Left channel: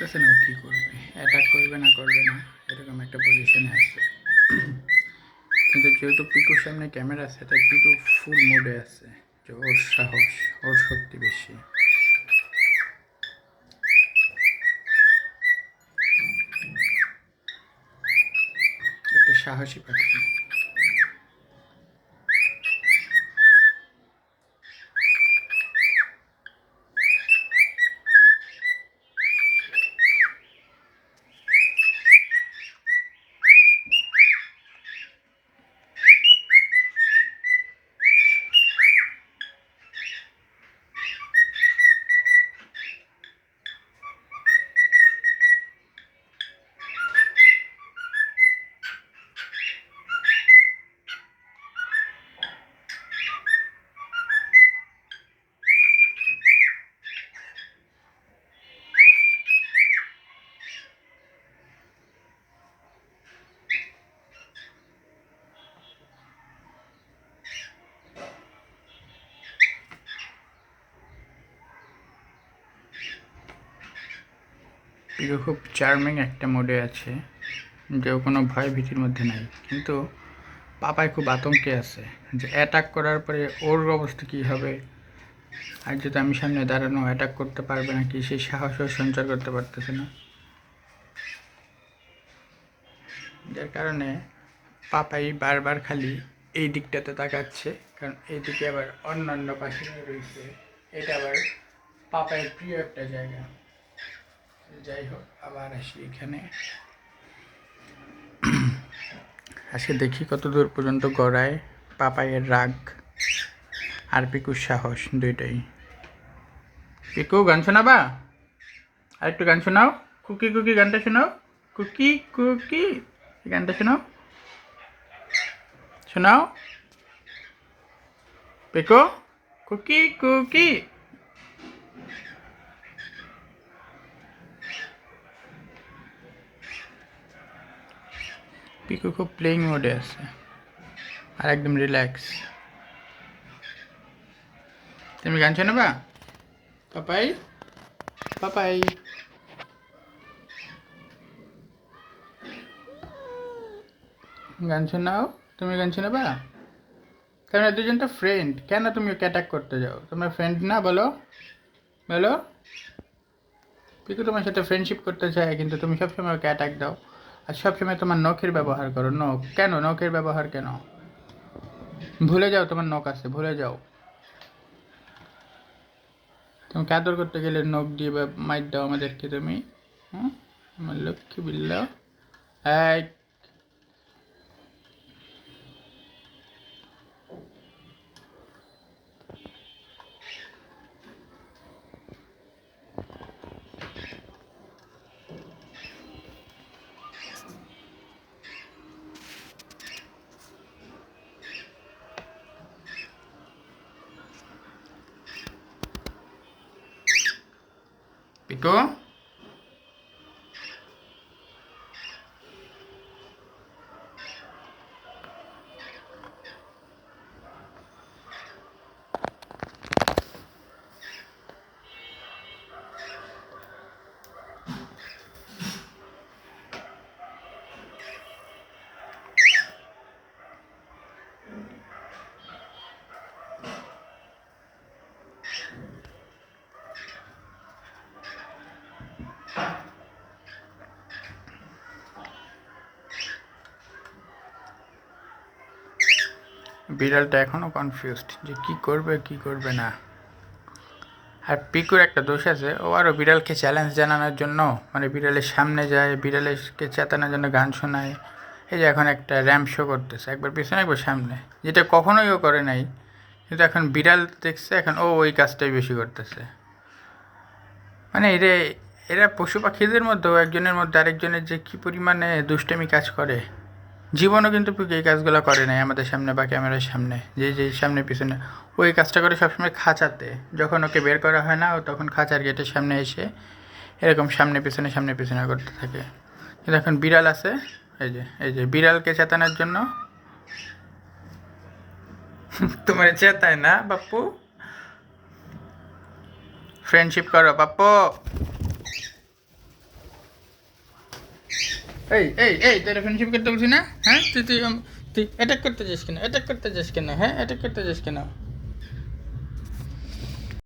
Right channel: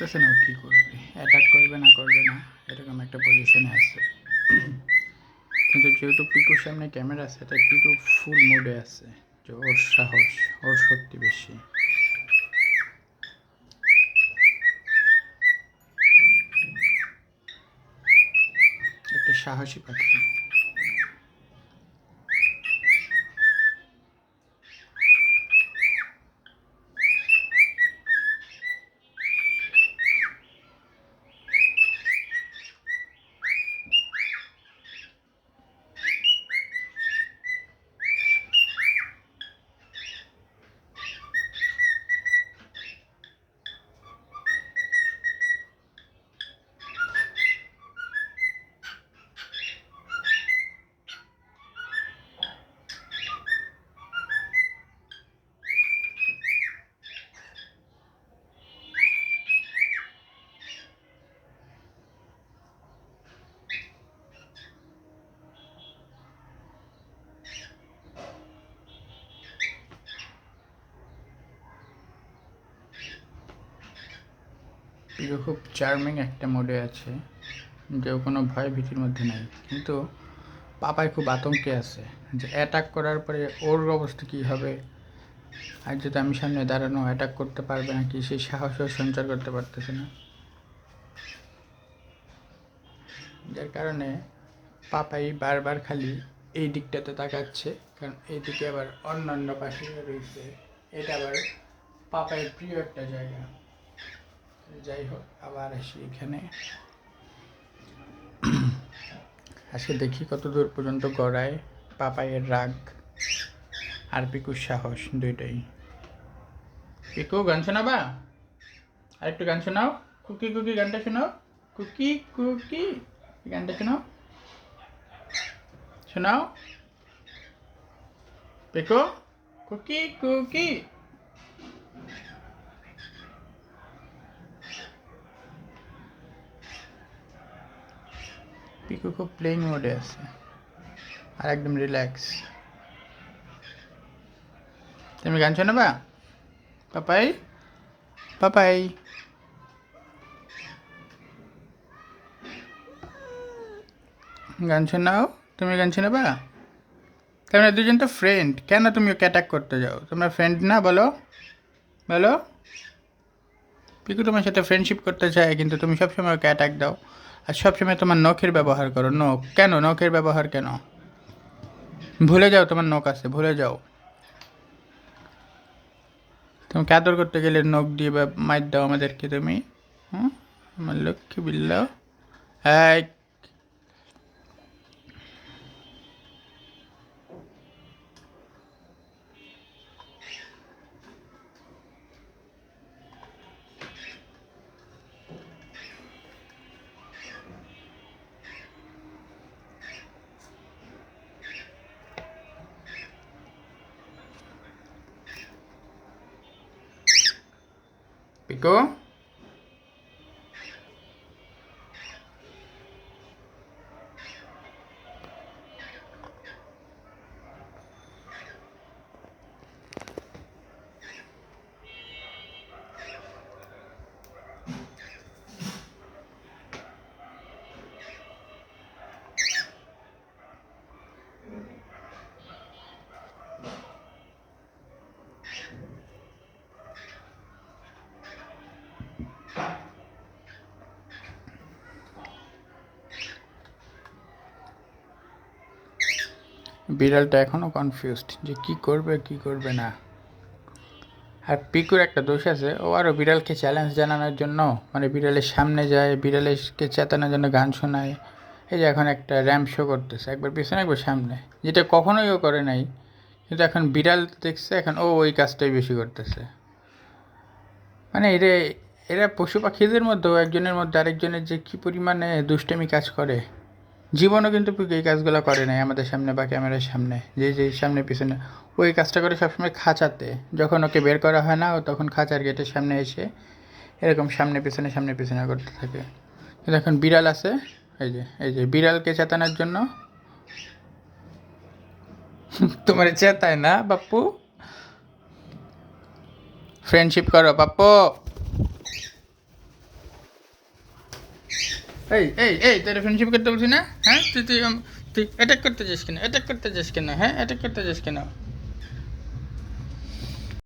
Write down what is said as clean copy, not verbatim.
বুঝতেছে না ও কী করবে, অ্যাটাক করবে না করবে না এরকম একটা পজিশনে আছে। কিন্তু যেহেতু পিকুর সামনে ক্যামেরা আছে তাই পিকু ফুল মোডে আছে যে ওর সাহস, ওর শক্তি বেশি। একটা সাহসী পাখি। পিকু খুব চার্মিং একটা মোডে আছে, যে কোনো ভয় ভীতির মধ্যে নাই। কিন্তু পাপায় খুব আতঙ্কে আছে যে অ্যাটাক করার পরে ওর অবস্থা কী হবে, আর যদি আমি সামনে দাঁড়ানো অ্যাটাক করতে পারবে নাকি সেই সাহসও সঞ্চার করতে পারতেছে না। যার কারণে পাপাই বারবার খালি এই দিকটাতে তাকাচ্ছে, কারণ এই দিকে আবার অন্যান্য পাখি রয়েছে। এটা আবার পাপায়ের প্রিয় একটা জায়গা। যাই হোক, আবার আসি এখানে। আজকে দেখি কত দূর পর্যন্ত গড়ায় পাপাইয়ের রাগ আর পিকুর সাহস দুইটাই। পিকু গান শোনাবা? আর একটু গান শোনাও। কুকি কুকি গানটা শোনাও। কুকি কুকি গানটা শোনাও, শোনাও। Piku cookie cookie. পিকু খুব প্লেইং মোডে আছে আর একদম রিল্যাক্স। তুমি গান শোনাবা? পাপাই পাপাই গান শোনাও। তুমি গান শোনাবা? তোমরা দুজন তো ফ্রেন্ড, কেন তুমি ওকে অ্যাটাক করতে যাও? তোমরা ফ্রেন্ড না? বলো বলো। পিকু তোমার সাথে ফ্রেন্ডশিপ করতে চায়, কিন্তু তুমি সবসময় ওকে অ্যাটাক দাও। আর সবসময় তোমার নখের ব্যবহার করো। নখ কেন? নখের ব্যবহার কেন? ভুলে যাও তোমার নখ আছে, ভুলে যাও। তুমি আদর করতে গেলে নখ দিয়ে বা মাইর দাও আমাদেরকে তুমি। হুম, আমার লক্ষ্মী বিল্লা। এই পিকু, বিড়ালটা এখনও কনফিউজড যে কী করবে কী করবে না। আর পিকুর একটা দোষ আছে, ও আরও বিড়ালকে চ্যালেঞ্জ জানানোর জন্য মানে বিড়ালের সামনে যায়, বিড়ালকে চেতানোর জন্য গান শোনায়। এই যে এখন একটা র্যাম্প শো করতেছে, একবার পিছনে একবার সামনে, যেটা কখনোই ও করে নাই। কিন্তু এখন বিড়াল দেখছে, এখন ও ওই কাজটাই বেশি করতেছে। মানে এরা এরা পশু পাখিদের মধ্যেও একজনের মধ্যে আরেকজনের যে কী পরিমাণে দুষ্টামি কাজ করে। জীবনও কিন্তু এই কাজগুলো করে নাই আমাদের সামনে বা ক্যামেরার সামনে, যে যে সামনে পিছনে ওই কাজটা করে সবসময় খাঁচাতে। যখন ওকে বের করা হয় না, ও তখন খাঁচার গেটের সামনে এসে এরকম সামনে পিছনে করতে থাকে। কিন্তু এখন বিড়াল আছে, এই যে বিড়ালকে চেতানোর জন্য তোমার চেতায় না বাপ্পু? ফ্রেন্ডশিপ করো বাপ্পু। এই তোর ফ্রেন্ডশিপ করতে বলছি না? হ্যাঁ তুই তুই তুই অ্যাটাক করতে যাস কেন? অ্যাটাক করতে যাস কেন? হ্যাঁ অ্যাটাক করতে যাস কেন?